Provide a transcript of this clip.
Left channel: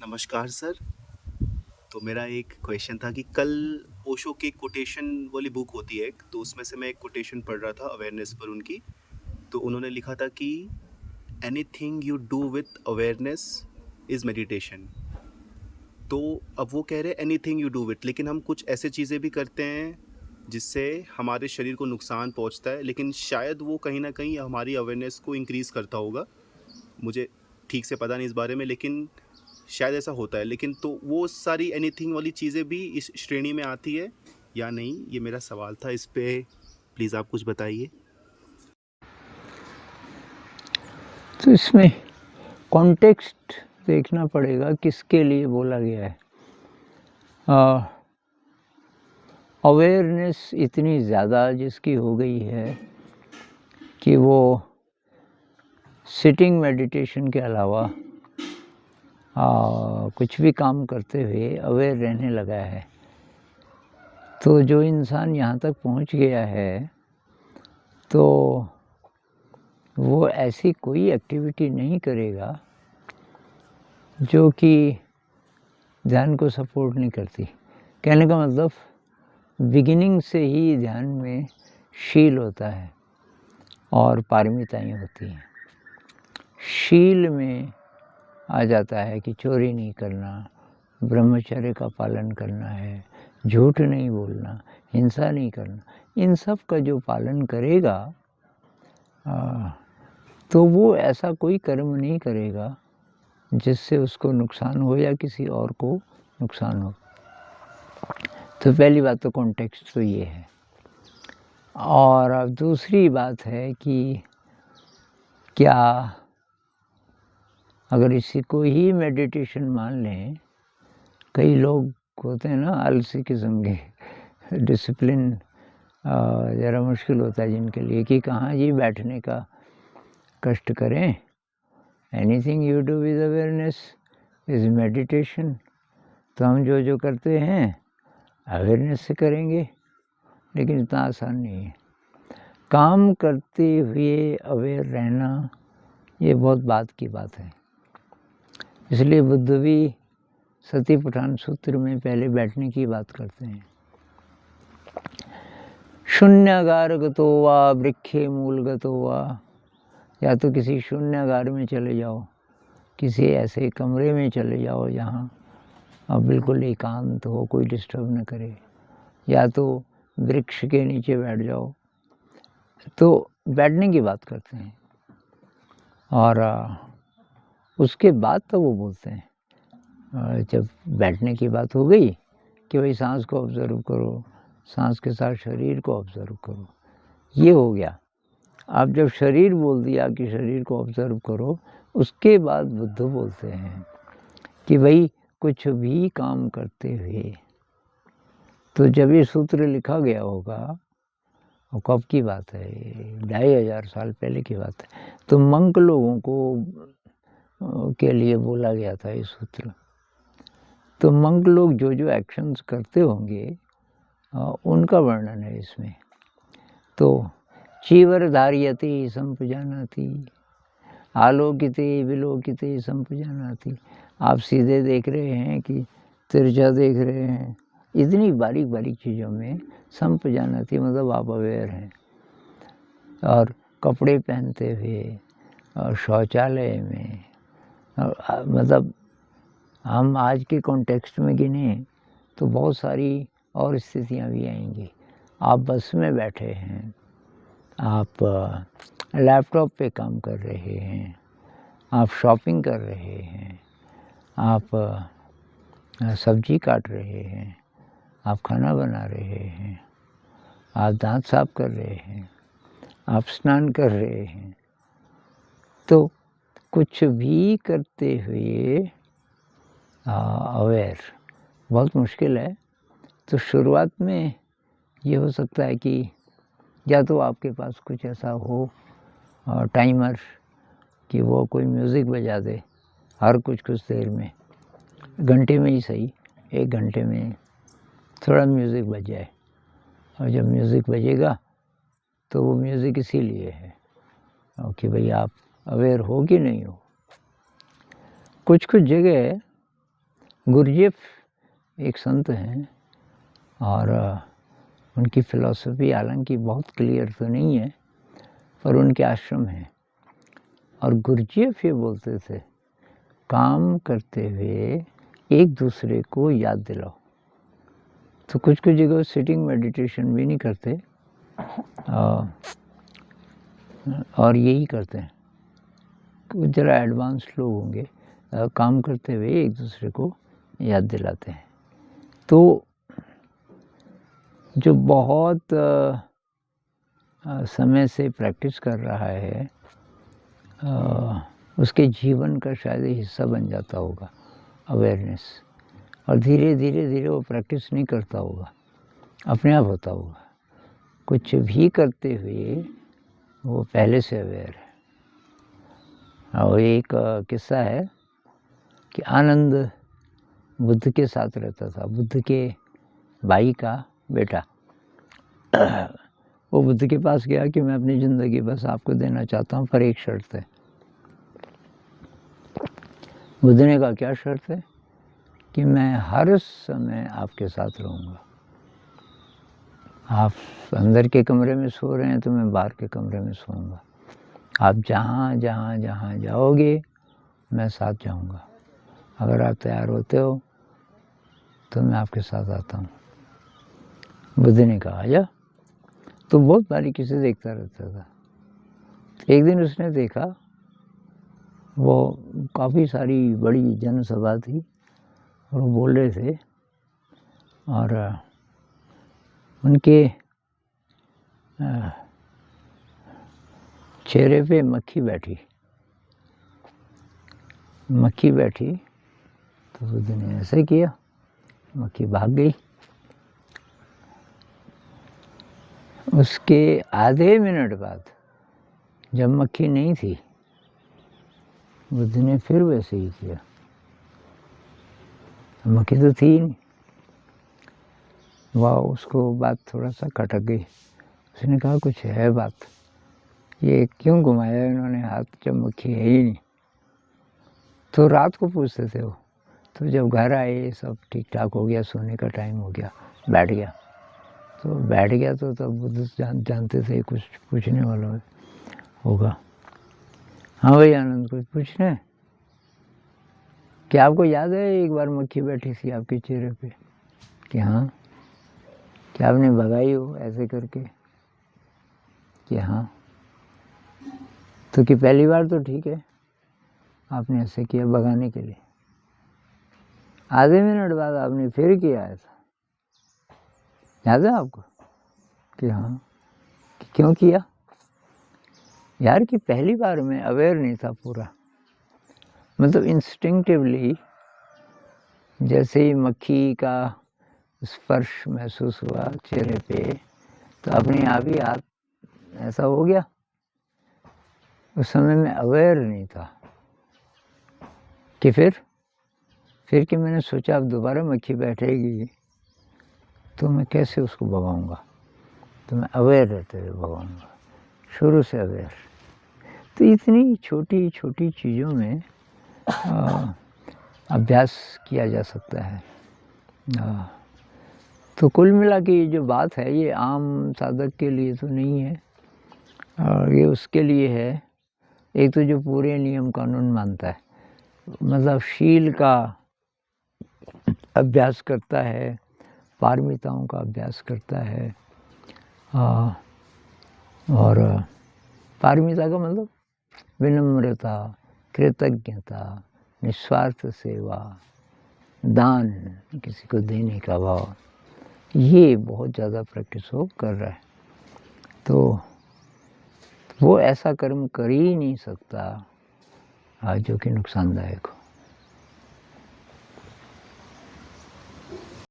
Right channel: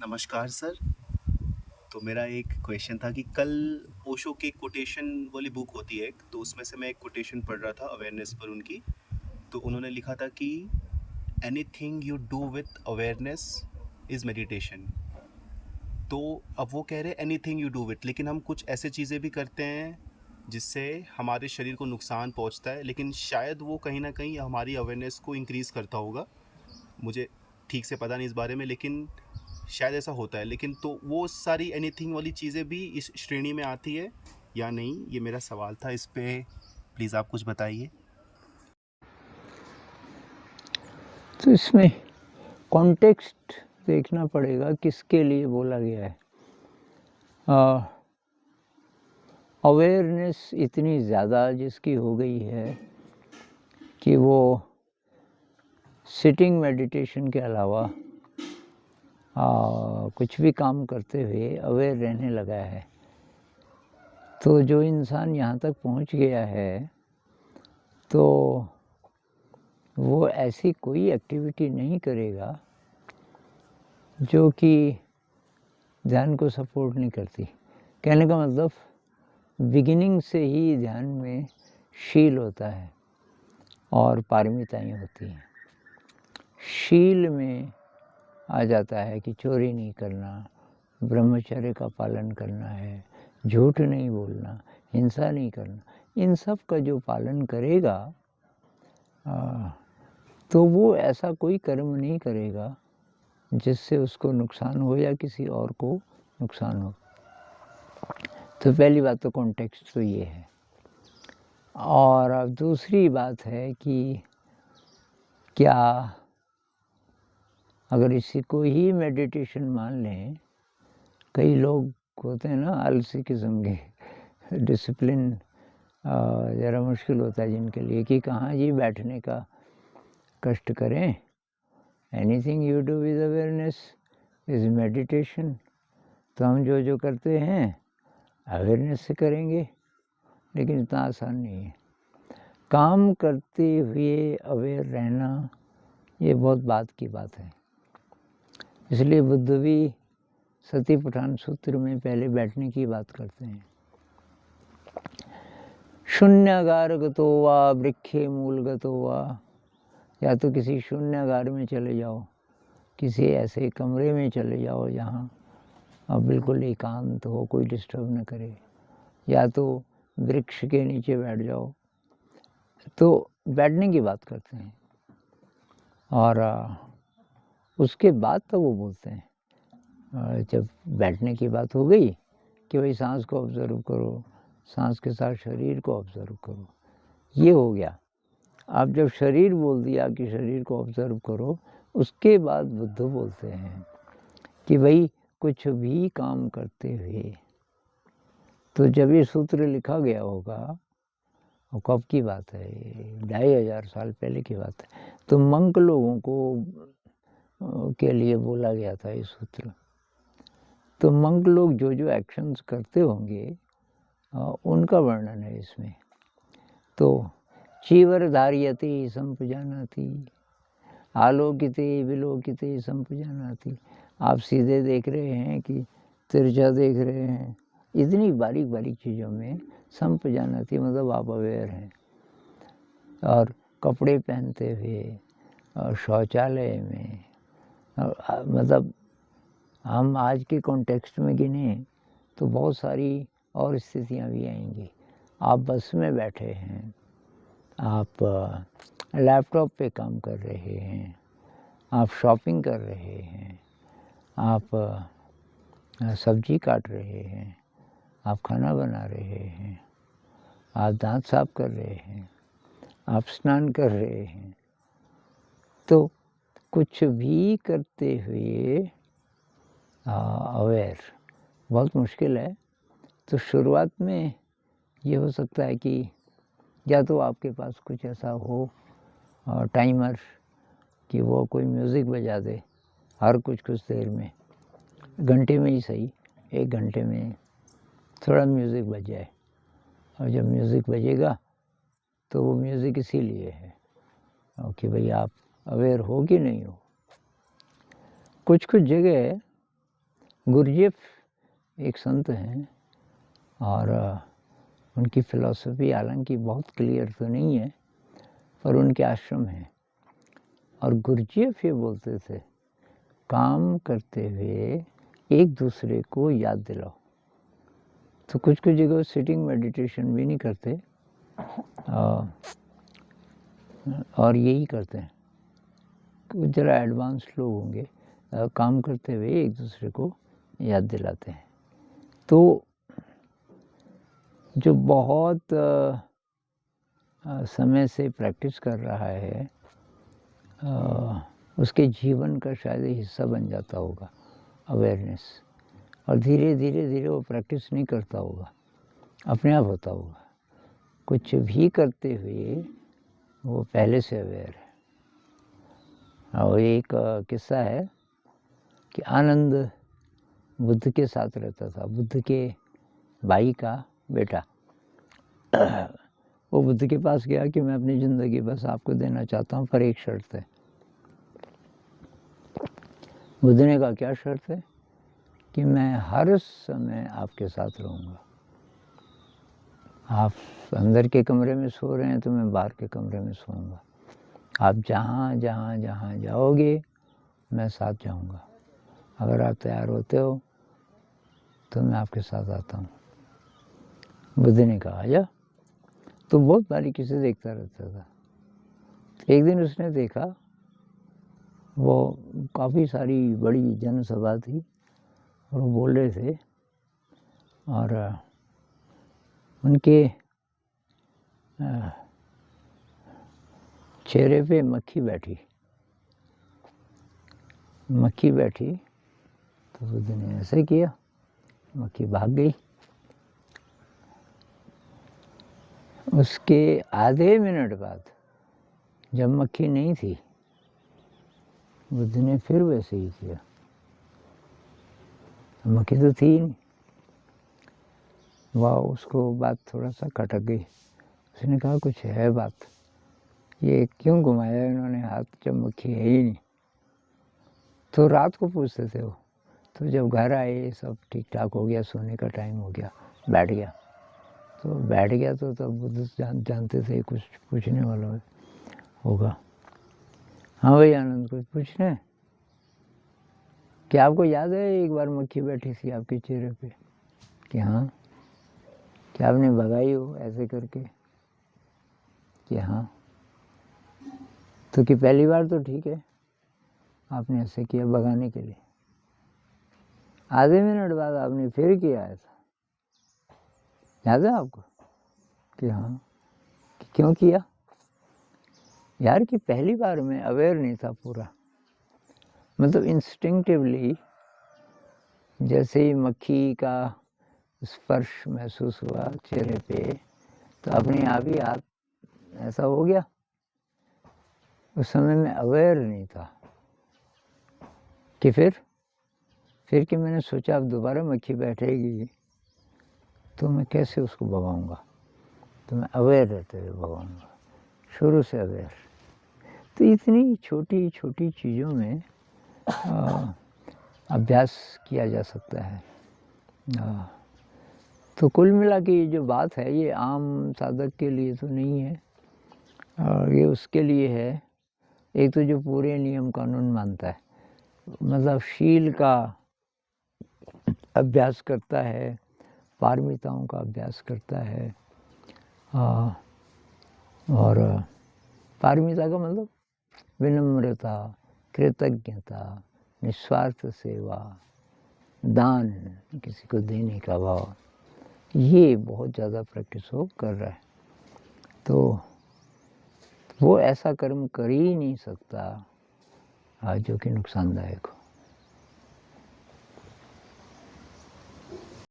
नमस्कार सर। तो मेरा एक क्वेश्चन था कि कल ओशो की कोटेशन वाली बुक होती है एक, तो उसमें से मैं एक कोटेशन पढ़ रहा था अवेयरनेस पर उनकी। तो उन्होंने लिखा था कि anything you do with awareness is meditation. तो अब वो कह रहे हैं एनीथिंग यू डू विथ, लेकिन हम कुछ ऐसे चीज़ें भी करते हैं जिससे हमारे शरीर को नुकसान पहुंचता है, लेकिन शायद वो कहीं ना कहीं हमारी अवेयरनेस को इंक्रीज़ करता होगा। मुझे ठीक से पता नहीं इस बारे में, लेकिन शायद ऐसा होता है। लेकिन तो वो सारी एनीथिंग वाली चीज़ें भी इस श्रेणी में आती है या नहीं, ये मेरा सवाल था। इस पे प्लीज़ आप कुछ बताइए। तो इसमें कॉन्टेक्स्ट देखना पड़ेगा किसके लिए बोला गया है। अवेयरनेस इतनी ज़्यादा जिसकी हो गई है कि वो सिटिंग मेडिटेशन के अलावा कुछ भी काम करते हुए अवेयर रहने लगा है। तो जो इंसान यहाँ तक पहुँच गया है तो वो ऐसी कोई एक्टिविटी नहीं करेगा जो कि ध्यान को सपोर्ट नहीं करती। कहने का मतलब बिगिनिंग से ही ध्यान में शील होता है और पारमिताएं होती हैं। शील में आ जाता है कि चोरी नहीं करना, ब्रह्मचर्य का पालन करना है, झूठ नहीं बोलना, हिंसा नहीं करना। इन सब का जो पालन करेगा तो वो ऐसा कोई कर्म नहीं करेगा जिससे उसको नुकसान हो या किसी और को नुकसान हो। तो पहली बात तो कॉन्टेक्स्ट तो ये है। और अब दूसरी बात है कि क्या अगर इसी को ही मेडिटेशन मान लें, कई लोग होते हैं ना आलसी किस्म के, डिसिप्लिन ज़रा मुश्किल होता है जिनके लिए कि कहाँ जी बैठने का कष्ट करें। Anything you do with awareness is meditation. तो हम जो जो करते हैं अवेयरनेस से करेंगे, लेकिन इतना आसान नहीं है। काम करते हुए अवेयर रहना ये बहुत बात की बात है। इसलिए बुद्ध भी सती पठान सूत्र में पहले बैठने की बात करते हैं। शून्यागार गतो वा वृक्षे मूल गतो वा, या तो किसी शून्यागार में चले जाओ, किसी ऐसे कमरे में चले जाओ जहाँ अब बिल्कुल एकांत हो, कोई डिस्टर्ब न करे, या तो वृक्ष के नीचे बैठ जाओ। तो बैठने की बात करते हैं और उसके बाद तो वो बोलते हैं जब बैठने की बात हो गई कि भाई सांस को ऑब्जर्व करो, सांस के साथ शरीर को ऑब्जर्व करो, ये हो गया। अब जब शरीर बोल दिया कि शरीर को ऑब्जर्व करो, उसके बाद बुद्ध बोलते हैं कि भाई कुछ भी काम करते हुए, तो जब ये सूत्र लिखा गया होगा, और कब की बात है, 2500 साल पहले की बात है, तो मंक लोगों को के लिए बोला गया था ये सूत्र। तो मंक लोग जो जो एक्शंस करते होंगे उनका वर्णन है इसमें। तो चीवर धारियते संपजानाति, आलोकिते विलोकिते संपजानाति। आप सीधे देख रहे हैं कि तिरछा देख रहे हैं, इतनी बारीक बारीक चीज़ों में संपजानाति मतलब आप अवेयर हैं। और कपड़े पहनते हुए और शौचालय में, मतलब हम आज के कॉन्टेक्स्ट में गिने तो बहुत सारी और स्थितियाँ भी आएंगी। आप बस में बैठे हैं, आप लैपटॉप पे काम कर रहे हैं, आप शॉपिंग कर रहे हैं, आप सब्जी काट रहे हैं, आप खाना बना रहे हैं, आप दांत साफ कर रहे हैं, आप स्नान कर रहे हैं। तो कुछ भी करते हुए अवेयर बहुत मुश्किल है। तो शुरुआत में ये हो सकता है कि या तो आपके पास कुछ ऐसा हो टाइमर कि वो कोई म्यूज़िक बजा दे हर कुछ कुछ देर में, घंटे में ही सही, 1 घंटे में थोड़ा म्यूज़िक बज जाए। और जब म्यूज़िक बजेगा तो वो म्यूज़िक इसीलिए है कि भाई आप अवेयर हो कि नहीं हो। कुछ कुछ जगह गुरजेफ एक संत हैं और उनकी फ़िलॉसफ़ी हालांकि बहुत क्लियर तो नहीं है, पर उनके आश्रम हैं। और गुरजेफ ये बोलते थे, काम करते हुए एक दूसरे को याद दिलाओ। तो कुछ कुछ जगह सिटिंग मेडिटेशन भी नहीं करते और यही करते हैं। कुछ ज़रा एडवांस लोग होंगे, काम करते हुए एक दूसरे को याद दिलाते हैं। तो जो बहुत समय से प्रैक्टिस कर रहा है उसके जीवन का शायद हिस्सा बन जाता होगा अवेयरनेस, और धीरे धीरे धीरे वो प्रैक्टिस नहीं करता होगा, अपने आप होता होगा। कुछ भी करते हुए वो पहले से अवेयर है। और एक किस्सा है कि आनंद बुद्ध के साथ रहता था, बुद्ध के भाई का बेटा। वो बुद्ध के पास गया कि मैं अपनी ज़िंदगी बस आपको देना चाहता हूँ, पर एक शर्त है। बुद्ध ने कहा, क्या शर्त है? कि मैं हर समय आपके साथ रहूँगा। आप अंदर के कमरे में सो रहे हैं तो मैं बाहर के कमरे में सोऊंगा। आप जहाँ जहाँ जहाँ जाओगे मैं साथ जाऊँगा। अगर आप तैयार होते हो तो मैं आपके साथ आता हूँ। बुद्ध ने कहा, आजा। तो बहुत बारीकी से देखता रहता था। एक दिन उसने देखा, वो काफ़ी सारी बड़ी जनसभा थी और वो बोल रहे थे और उनके चेहरे पे मक्खी बैठी। तो बुद्ध ने ऐसे किया, मक्खी भाग गई। उसके आधे मिनट बाद जब मक्खी नहीं थी, बुद्ध ने फिर वैसे ही किया, मक्खी तो थी ही नहीं। वाह, उसको बात थोड़ा सा खटक गई। उसने कहा, कुछ है बात, ये क्यों घुमाया इन्होंने हाथ जब मक्खी है ही नहीं। तो रात को पूछते थे वो। तो जब घर आए सब ठीक ठाक हो गया, सोने का टाइम हो गया, बैठ गया। तो तब बुद्ध जानते थे कुछ पूछने वाला होगा। हाँ भाई आनंद, कुछ पूछना है? क्या आपको याद है एक बार मक्खी बैठी थी आपके चेहरे पे? कि हाँ। क्या आपने भगाई हो ऐसे करके? कि हाँ। तो कि पहली बार तो ठीक है, आपने ऐसे किया भगाने के लिए, आधे मिनट बाद आपने फिर किया ऐसा, याद है आपको? कि हाँ। कि क्यों किया? यार कि पहली बार में अवेयर नहीं था पूरा, मतलब इंस्टिंक्टिवली जैसे ही मक्खी का स्पर्श महसूस हुआ चेहरे पे, तो अपने आप ही हाथ ऐसा हो गया। उस समय में अवेयर नहीं था कि फिर कि मैंने सोचा अब दोबारा मक्खी बैठेगी तो मैं कैसे उसको भगाऊंगा, तो मैं अवेयर रहते हुए भगाऊंगा, शुरू से अवेयर। तो इतनी छोटी छोटी चीज़ों में अभ्यास किया जा सकता है। तो कुल मिला के ये जो बात है ये आम साधक के लिए तो नहीं है, और ये उसके लिए है एक तो जो पूरे नियम कानून मानता है, मतलब शील का अभ्यास करता है, पारमिताओं का अभ्यास करता है। और पारमिता का मतलब विनम्रता, कृतज्ञता, निस्वार्थ सेवा, दान, किसी को देने का भाव, ये बहुत ज़्यादा प्रैक्टिस वो कर रहा है। तो वो ऐसा कर्म कर ही नहीं सकता जो कि नुकसानदायक हो।